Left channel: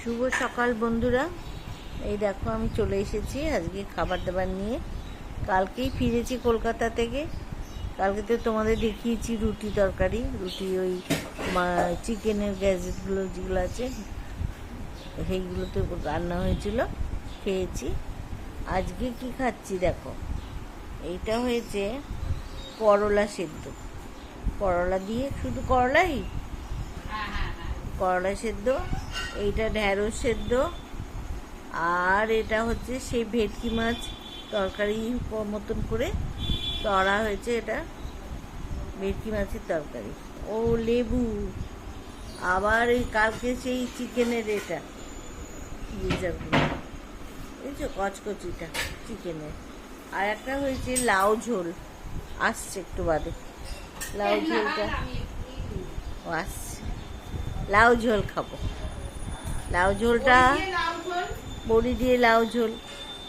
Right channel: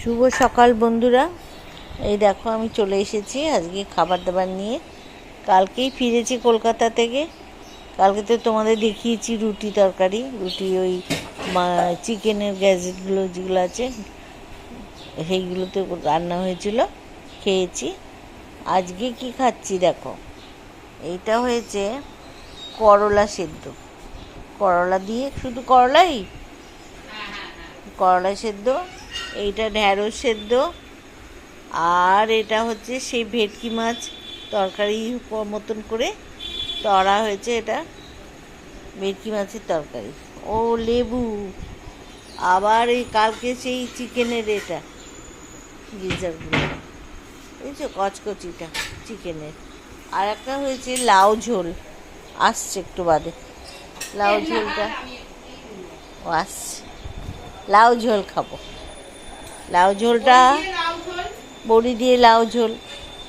শুভ সকাল বন্ধুরা। এই দেখো আমি চলে এসেছি আজকে খাবার দাবার নিয়ে। কালকেই ফিরেছি কলকাতা থেকে। কালকে তো তোমাদের দেখিয়েছি রুটি তরকারি। রুটি ওই চিকেনের গ্যাজেটগুলো যেগুলো আছে সেইগুলোতে রান্না হয়েছিল খেয়েছি। আজকে কি খাচ্ছি দেখো? এইটা হয়েছে করলা সেদ্ধ। করলা দিয়ে শুধু করলাই? করলা সেদ্ধ এইটা ঢ্যাঁড়স সেদ্ধ। আর এটা হচ্ছে সেই ভেটকি মাছ তরকারি মতন করে তরা হয়েছে এটা, ভেটকি মাছের তরকারি। ও লেবু। আবার এই কালকে সেই চিকেনের এটা গিজারগুলো বুঝছ কচকচিটা চিকেনের। আর একটা হয়েছে লাউ ঝোল, আসছে একটু বাদে। লাউ ঝোলটা, ও আসছে। লাউ ঝোল খাব। লাউ ঝোলটা, বড়ি দিয়ে লাউ ঝোল।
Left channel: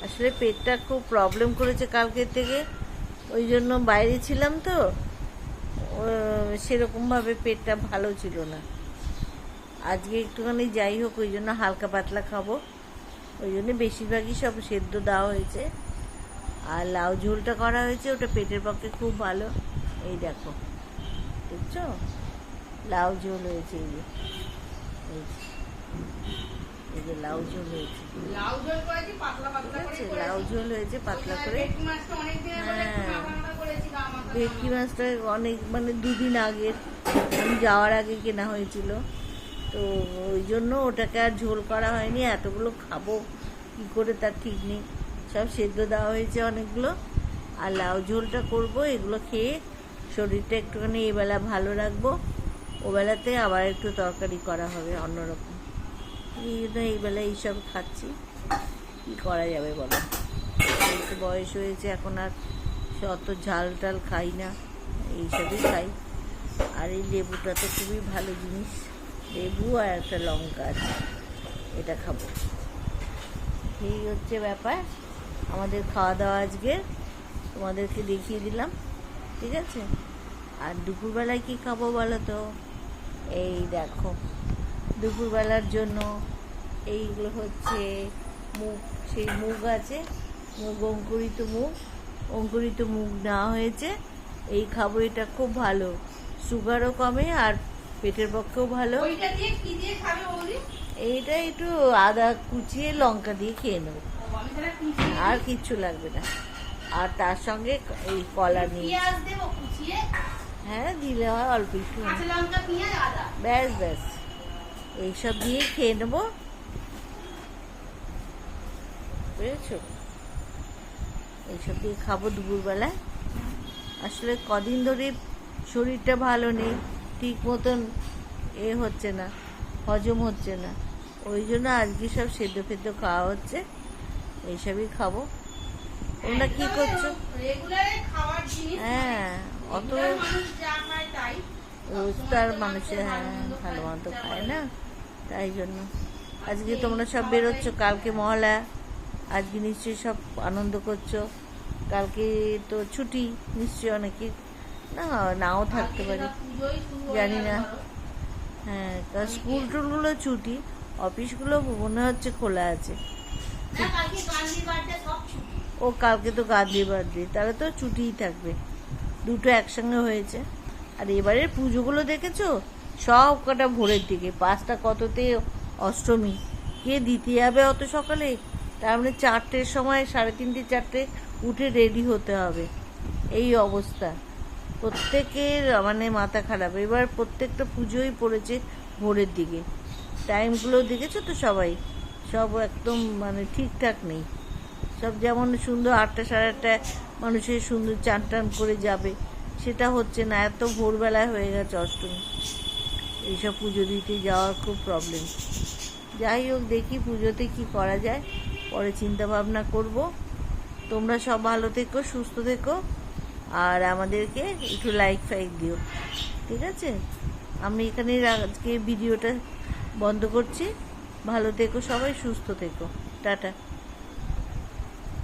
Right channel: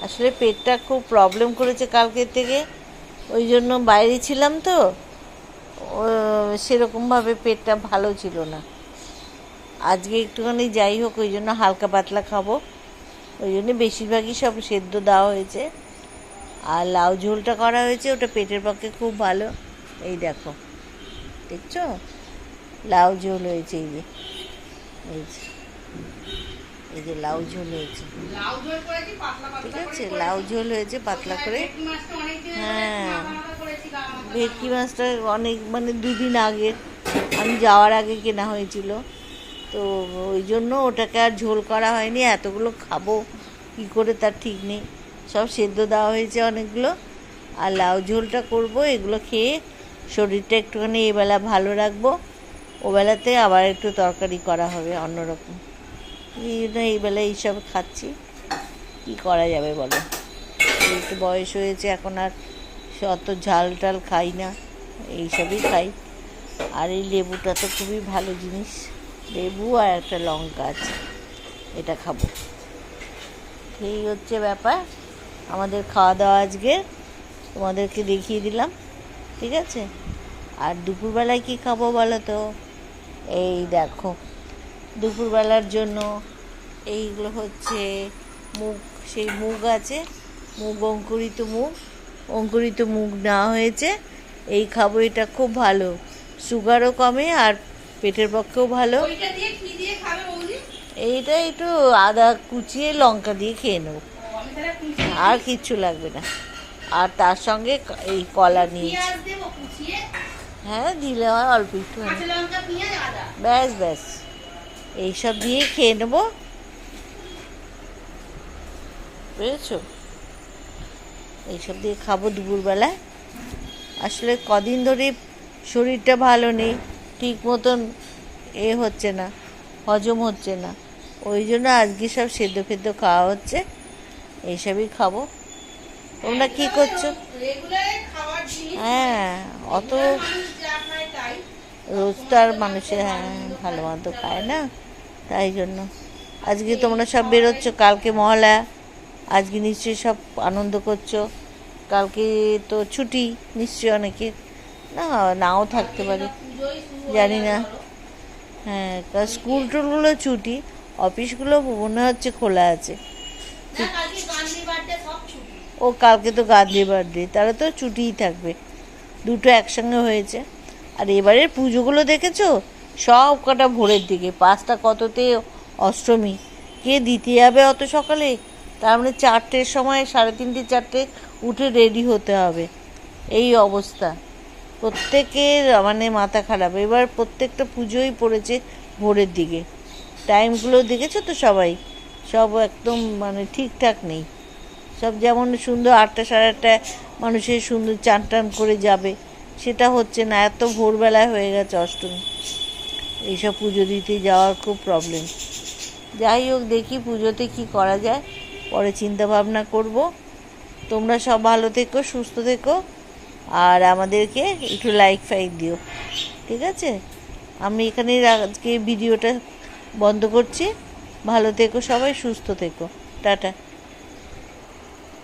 আসলে পেটটা খুব প্রবলেম করেছে কালকের থেকে। ওই জন্য বাইরে ছিলাম তো সেরকমভাবে পেটটা ভালো ছিল না। আজকে একটুখানি যাই হোক, ওই জন্য হালকা পাতলা খাব। ওই জন্য বেশিরভাগই সব সেদ্ধ দেওয়া হয়েছে। আর লাউ ঝোলটা করা হয়েছে, ওটা পেটের পক্ষে খুব ভালো। এই দেখো, দেখছ? লাউ ঝোল হয়েছে এই যে। এই যে। এই যে লাউ ঝোল হয়েছে। ঠিক আছে লাউ ঝোল হয়েছে পাতলা করে। মাছটা হ্যাঁ। ভেটকি মাছটা অনেক মানে দুদিন আগে। আমি যাওয়ার আগে কেনা হয়েছিল। তো ওই জন্য ওটাকে আর ঝোল করা হয়নি এতগুলো খাব কী করে তার ঠিক নেই। সব সেদ্ধ দেওয়া হয়েছে অনেকগুলো। আর লাউ ঝোলটা করব এগুলো খেয়ে শরীরটা একটুখানি এবেলা ভালো রাখব। ওবেলাতে আবার একটু তরকারি করা হবে অন্যরকম। এই জন্য এইসব খাচ্ছি। কী করা যাবে বলো? একটু বয়স হয়েছে, এখন আর অত ঝাল টাল খাই না, এইসবই খাই। আর এই লেবুটা তো খুবই ভালো জিনিস। লেবু আর একটা লঙ্কা আছে, এটা খাব। এই হচ্ছে ব্যাপার। আমাদের খাওয়া দাওয়া আজকে, তোমাদেরকে দেখিয়ে দিলাম, ঠিক আছে? আর দুপুরবেলায় কি খাব বলো তো? এই দেখো। দুপুরবেলার জন্য এইগুলো হচ্ছে মুগ সেই মুগ আছে মুগ অঙ্কুরিত মুগ অঙ্কুরিত মুগ নেওয়া হয়েছে। এই খাব এটা খুব ভালো। সুগারও কমে আর পেটের পক্ষেও ভালো। এইটা একটু আদা কুচিয়ে লঙ্কা দিয়ে খেয়ে নেব। আর কিচ্ছু লাগবে না। আর তার সঙ্গে এই কলা নিয়েছি। হ্যাঁ দিলে হয় অল্প একটু ব্যাস ব্যাস। এইসব দিয়ে খেয়ে নেব। বুঝেছ? এইসব দিয়ে খাব দুপুরবেলায় আসলে কদিন ধরে শরীরটা ভালো নেই ঠিক মতন এ হচ্ছে না হজম হচ্ছে না। ওই জন্য আজকে সব সেদ্ধ ফেদ্ধ খাওয়া হচ্ছে এইসবই খাব। তোমরা কী করছ? হ্যাঁ অত regular মানুষ যা খায় তাই রোজ তো আর মানুষের হ্যাঁ ভালো মতো খায় না, তাই জন্য। আজকে তোমরা সব বেরোচ্ছ, কালকে মহলা, আজকে নিশ্চয়ই সব আনন্দ করছ। কালকে তো ছুটি, নিশ্চয়ই অনেকে, না, নাও থাকতে পারে, জানি না। হ্যাঁ তা স্কুল টুলগুলো ছুটি, অফিসগুলো মনে হচ্ছে খোলা আছে। ও, কালকে তো গান্ধী বার্থডে তারা তো ছুটিই থাকবে। দুটো একসঙ্গে হয়েছে। আর এবারের পুজোগুলো দেখেছ? সব কটা ভোরের দিকে। পাঁচটা কততে অষ্টমী। কে দিতে যাবে অত সকালে? তার মানে চারটের সময়, সাড়ে তিনটে, চারটে উঠে রেডি হতে হবে। এই অবস্থা। প্রত্যেকের মানে মাথা খারাপ। এবার প্রত্যেকটা পুজোই পড়েছে ভোরের দিকে। টাইমগুলো দেখেছ তো সবাই? সব একদম মানে ঠিকঠাক নেই। সব যেমন সুন্দর আটটা, সাড়ে আটটা মানুষের সুন্দর চান টান করে যাবে। সেটা হচ্ছে না, এত ভোরবেলায় হয়ে গেছে অষ্টমী। এইসব পুজো দিতে যাওয়ার খুব প্রবলেম যাই হোক, দেখি পুজোতে কি করা যায়। পরে চিন্তা ভাবনা করব। তোমরা সব ভালো থেকো, সুস্থ থেকো। আর আমাদেরকে একটু লাইক ফাইক দিও। ঠিক আছে? আমি এখানে আজকে ভিডিওটা বন্ধ করছি। ভালো থেকো সবাই, সুস্থ থেকো। টাটা।